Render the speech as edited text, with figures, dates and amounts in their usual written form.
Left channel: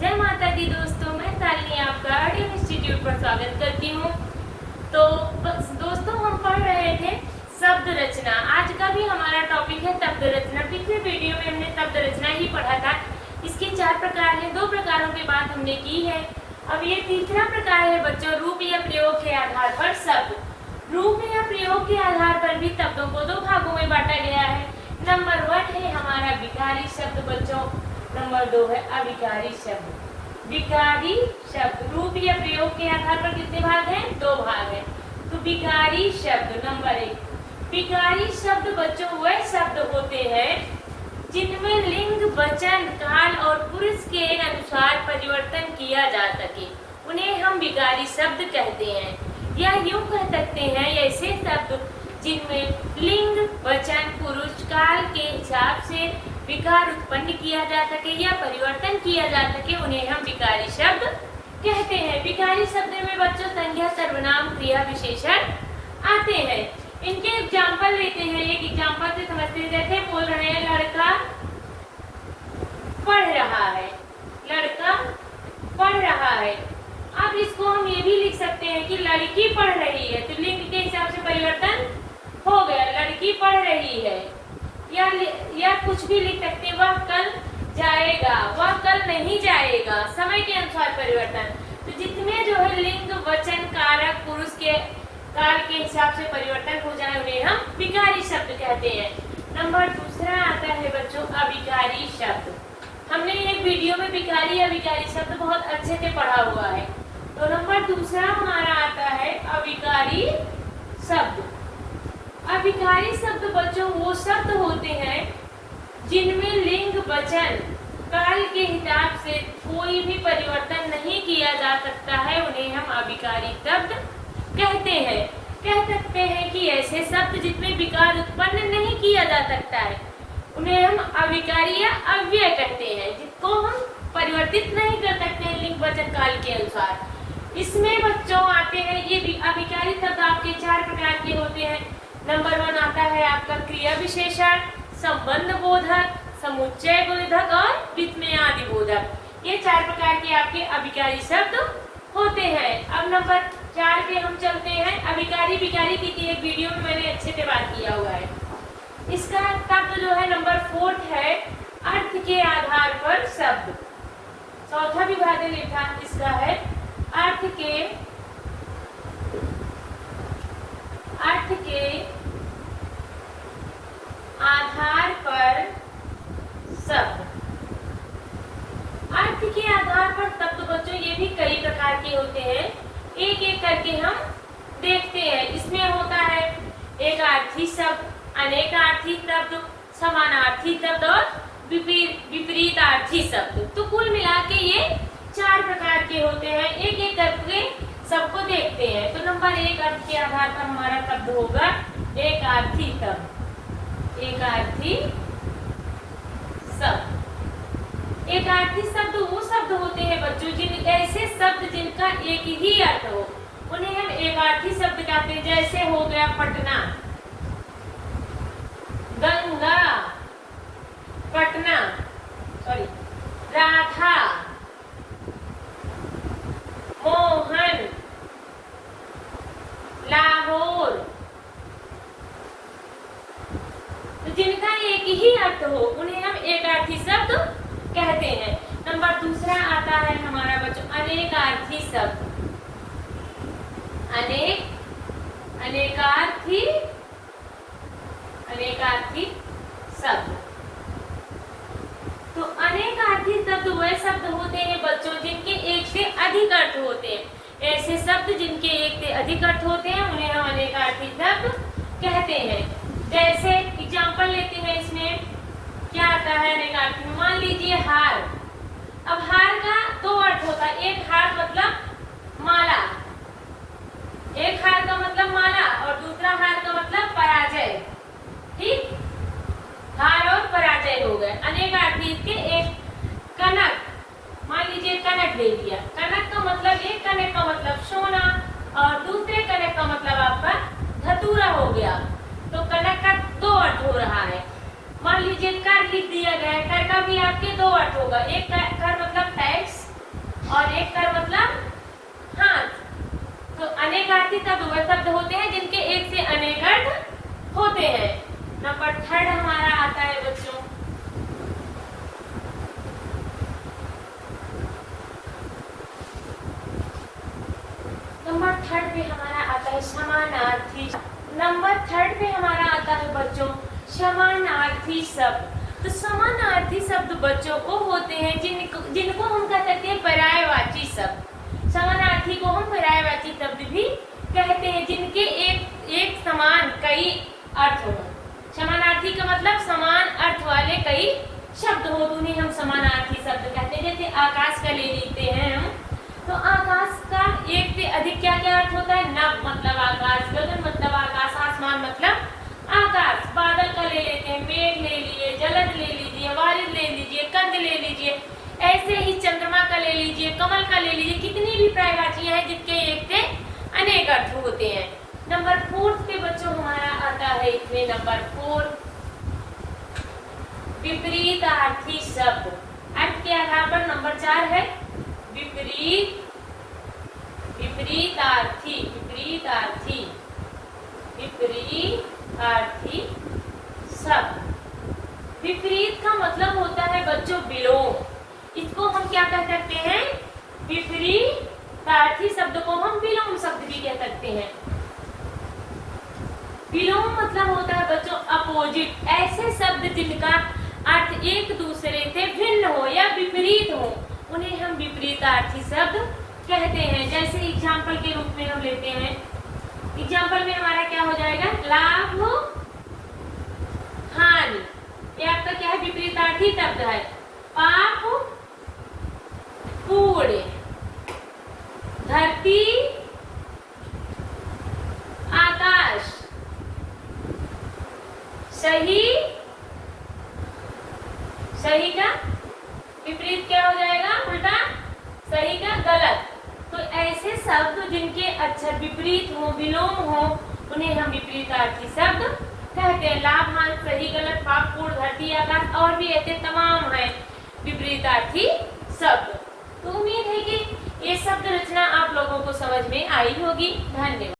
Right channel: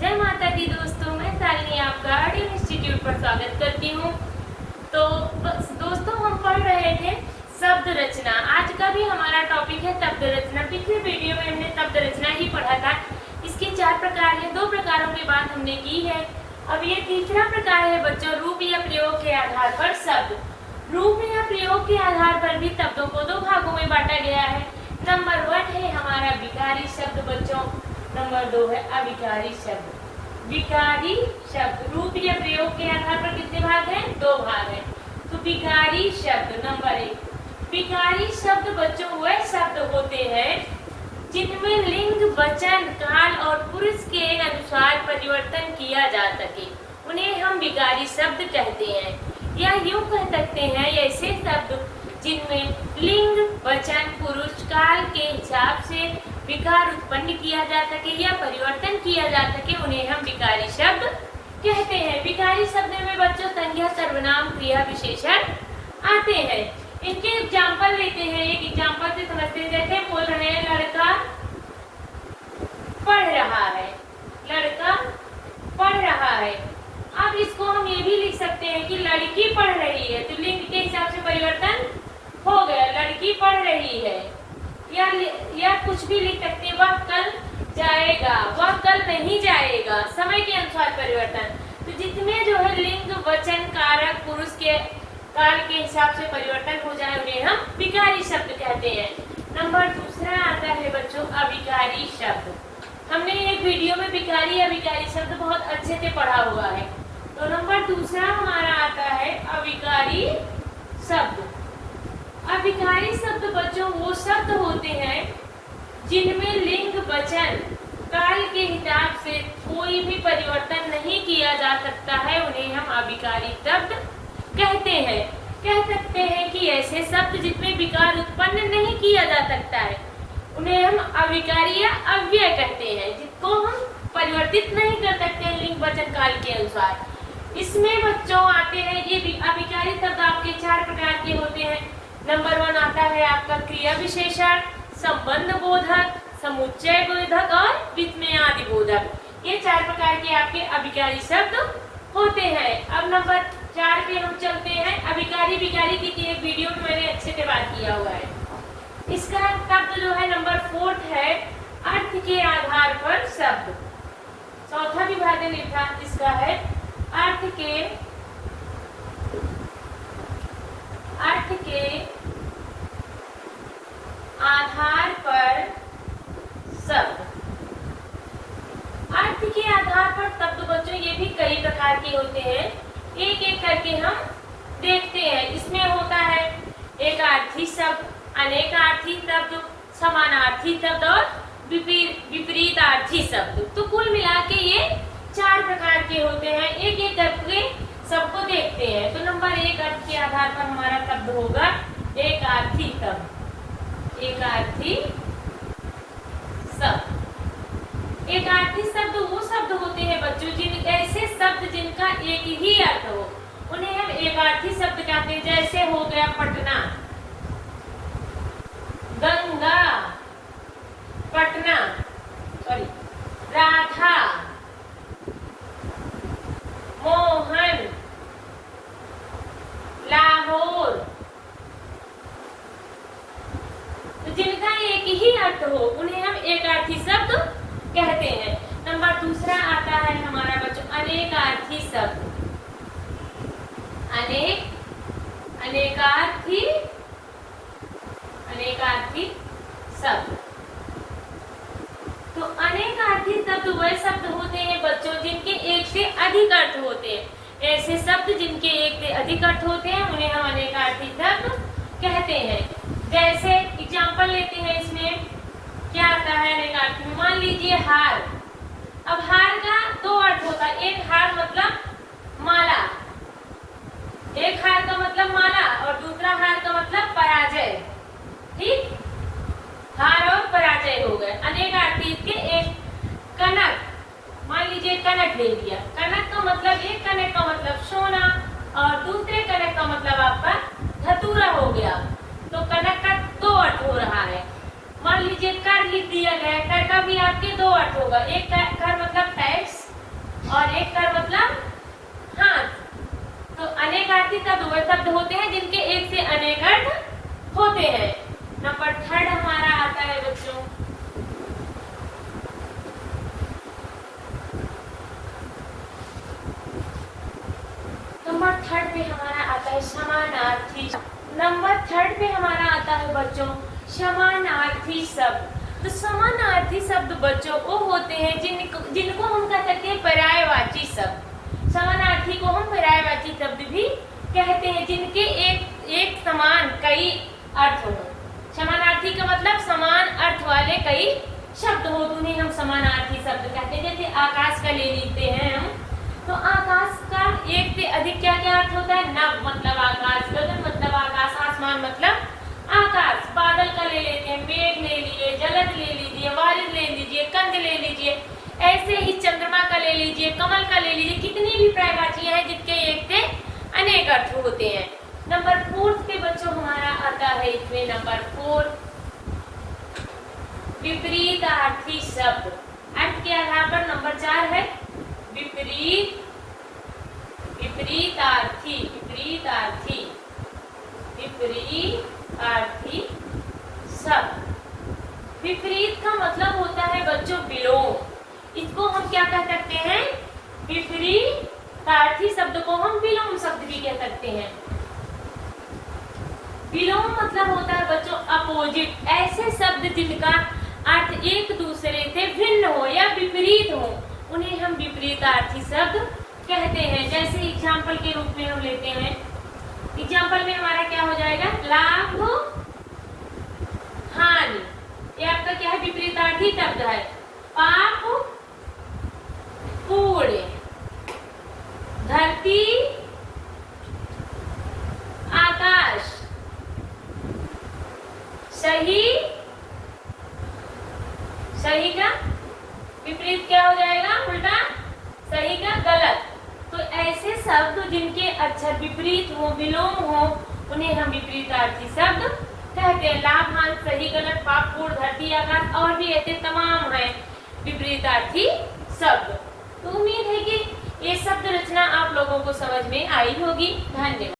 जय माता दी दोस्तों, मैं शालिनी आपका ऑडियो इंस्टीट्यूट पर स्वागत करती हूँ। तो दोस्तों, हम पढ़ रहे थे शब्द रचना। आज का भी हमारा टॉपिक है शब्द रचना। पिछले वीडियो में हमने शब्द रचना ही पढ़ा था। इसके 4 प्रकार हैं, 2 प्रकारों की बात हमने की है। अब ये तीसरा प्रकार है बच्चों, रूप या प्रयोग के आधार पर शब्द। रूप या प्रयोग के आधार पर भी शब्दों को 2 भागों में बांटा गया है। नंबर 1 है हमारा विकारी शब्द बच्चों, नंबर 2 है अविकारी शब्द। विकारी शब्द रूप या प्रयोग के आधार पर कितने भाग हैं? 2 भाग हैं। तो विकारी शब्द नंबर 1। विकारी शब्द बच्चों वह शब्द होते हैं जिनमें लिंग, वचन, काल और पुरुष के अनुसार परिवर्तन किया जा सके, उन्हें हम विकारी शब्द कहते हैं। या यूं कह सकते हैं ऐसे शब्द जिनमें लिंग, वचन, पुरुष, काल के हिसाब से विकार उत्पन्न किया जा सके या परिवर्तन किया जा सके, उन्हें हम विकारी शब्द कहते हैं। विकारी शब्द में बच्चों संज्ञा, सर्वनाम, क्रिया, विशेषण आते हैं। इनके एग्जाम्पल लेते हैं। एक एग्जाम्पल से समझते हैं। जैसे बोल रहे हैं लड़का पढ़ रहा है, लड़का पढ़ रहा है। अब इसको हम ये भी लिख सकते हैं कि लड़की पढ़ रही है, तो लिंग के हिसाब से परिवर्तन हो गया, लड़की पढ़ रही है। या कुछ भी लिख सकते हैं, वह कल जाएगा, वह कल नहीं जाएगा, समय के अनुसार परिवर्तन। तो जितने जो है लिंग, वचन, कारक, पुरुष के काल के हिसाब से परिवर्तन हो जाए, उन्हें हम विकारी शब्द कहते हैं। नंबर 2 आता है बच्चों अविकारी शब्द। हमने एक वीडियो में विकारी अविकारी शब्द बहुत अच्छे से पढ़ा हुआ है। तो नंबर 2 हमारा आता है अविकारी शब्द। अविकारी शब्द बच्चों वो शब्द होते हैं जिनमें लिंग, वचन, काल के हिसाब से कोई भी परिवर्तन नहीं किया जा सकता है, उन्हें हम अविकारी शब्द कहते हैं। कह सकते हैं कि ऐसे शब्द जिसमें विकार उत्पन्न नहीं किया जा सकता है, उन्हें हम अविकारी या अव्यय कहते हैं, जिसको हम परिवर्तित नहीं कर सकते हैं लिंग, वचन, काल के अनुसार। इसमें बच्चों आते हैं ये अविकारी शब्द आपके 4 प्रकार के होते हैं। नंबर 1 आता है आपका क्रिया विशेषण, संबंध बोधक, समुच्चय बोधक और विस्मयादि बोधक। ये 4 प्रकार के आपके अविकारी शब्द होते हैं। अब नंबर 4 पे हम चलते हैं। अविकारी विकारी की एक वीडियो में मैंने अच्छे से बात किया हुआ है। इसका शब्द जो है नंबर 4 है अर्थ के आधार पर शब्द। चौथा विभाजन इसका है अर्थ के आधार पर शब्द। अर्थ के आधार पर शब्द बच्चों ये भी कई प्रकार के होते हैं, एक एक करके हम देखते हैं। इसमें होता है एकार्थी शब्द, अनेकार्थी शब्द, समानार्थी शब्द और विपरीतार्थी शब्द। तो कुल मिला के ये 4 प्रकार के होते हैं। एक एक करके सबको देखते हैं। तो नंबर 1 अर्थ के आधार पर हमारा शब्द होगा एकार्थी शब्द। एकार्थी शब्द। एकार्थी शब्द वो शब्द होते हैं बच्चों ऐसे शब्द जिनका एक ही अर्थ हो, उन्हें हम एकार्थी शब्द कहते हैं। जैसे हो गया पटना, गंगा, पटना, सॉरी, राधा, मोहन, लाहौर। तो जिनका एक ही अर्थ हो उन्हें हम एकार्थी शब्द कहते हैं। नंबर 2 आता है हमारा बच्चों अनेकार्थी शब्द। अनेकार्थी शब्द। तो अनेकार्थी शब्द वह शब्द होते हैं बच्चों जिनके एक से अधिक अर्थ होते हैं। ऐसे शब्द जिनके एक से अधिक अर्थ होते हैं उन्हें हम अनेकार्थी शब्द कहते हैं। जैसे एग्जाम्पल लेते हैं, इसमें क्या आता है अनेकार्थी। मान लीजिए हार। अब हार का 2 अर्थ होता है। एक हार मतलब माला, एक हार का मतलब माला और दूसरा हार का मतलब पराजय। ठीक, हार और पराजय हो गए। अनेकार्थी इसके एक कनक, मान लीजिए कनक ले लिया। कनक का मतलब, एक कनक का मतलब सोना और दूसरे कनक का मतलब आपका धतूरा हो गया। तो कनक का 2 अर्थ हो रहा है। मान लीजिए कर लिख दिया गया, कर का भी आपके 2 अर्थ होगा। एक कर मतलब टैक्स शब्द होते हैं जिनके एक से अनेक अर्थ होते हैं। नंबर 3 हमारा आता है बच्चों, नंबर 3 पे हमारा आता है समानार्थी। नंबर 3 पे हमारा आता है बच्चों समानार्थी शब्द। तो समानार्थी शब्द बच्चों वो होते हैं जिनको हम कह सकते हैं पर्यायवाची शब्द। समानार्थी को हम पर्यायवाची शब्द भी कहते हैं, जिनके एक समान कई अर्थ हो। समानार्थी का मतलब समान अर्थ वाले कई शब्द हो, तो उन्हें हम समानार्थी शब्द कहते हैं। जैसे आकाश का ले लेते हैं हम, तो आकाश का एक से अधिक क्या क्या अर्थ होता है? नभ मतलब आकाश, गगन मतलब आकाश, आसमान मतलब आकाश। बादल का ले लेते हैं, मेघ ले लीजिए, जलद ले लीजिए, वारिद ले लीजिए, कंद ले लीजिए, ऐसे ही चंद्रमा का ले लीजिए, कमल का ले लीजिए। कितनी भी पर्यायवाचियां हैं जिनके एक से अनेक अर्थ होते हैं। नंबर 4 पे बच्चों हमारा आता है इसमें नंबर 4 विपरीतार्थी शब्द। अर्थ के आधार पर नंबर 4 है विपरीतार्थी। विपरीतार्थी शब्द। विपरीत का मतलब होता है बच्चों विलोम। इसको हम क्या कह सकते हैं? विपरीतार्थी शब्द को हम विलोम शब्द भी कह सकते हैं। विलोम मतलब होता है बच्चों अपोजिट, ऐसे शब्द जिनका अर्थ एक दूसरे से भिन्न हो या विपरीत हो, उन्हें हम विपरीतार्थी शब्द कहते हैं। जैसे एग्जाम्पल के रूप में हम लेते हैं, एग्जाम्पल में हमारा क्या हो जाएगा? लाभ हानि, ये आपका क्या है? विपरीतार्थी शब्द है। पाप पुण्य, धरती आकाश, सही का विपरीत क्या हो जाएगा? उल्टा। सही का गलत। तो ऐसे शब्द जिनके अक्षर विपरीत हो, विलोम हो, उन्हें हम विपरीतार्थी शब्द कहते हैं। लाभ हानि, सही गलत, पाप पूर्ण, धरती आकाश और भी ऐसे तमाम है विपरीतार्थी शब्द। तो उम्मीद है कि ये शब्द रचना आप लोगों को समझ में आई होगी। धन्यवाद।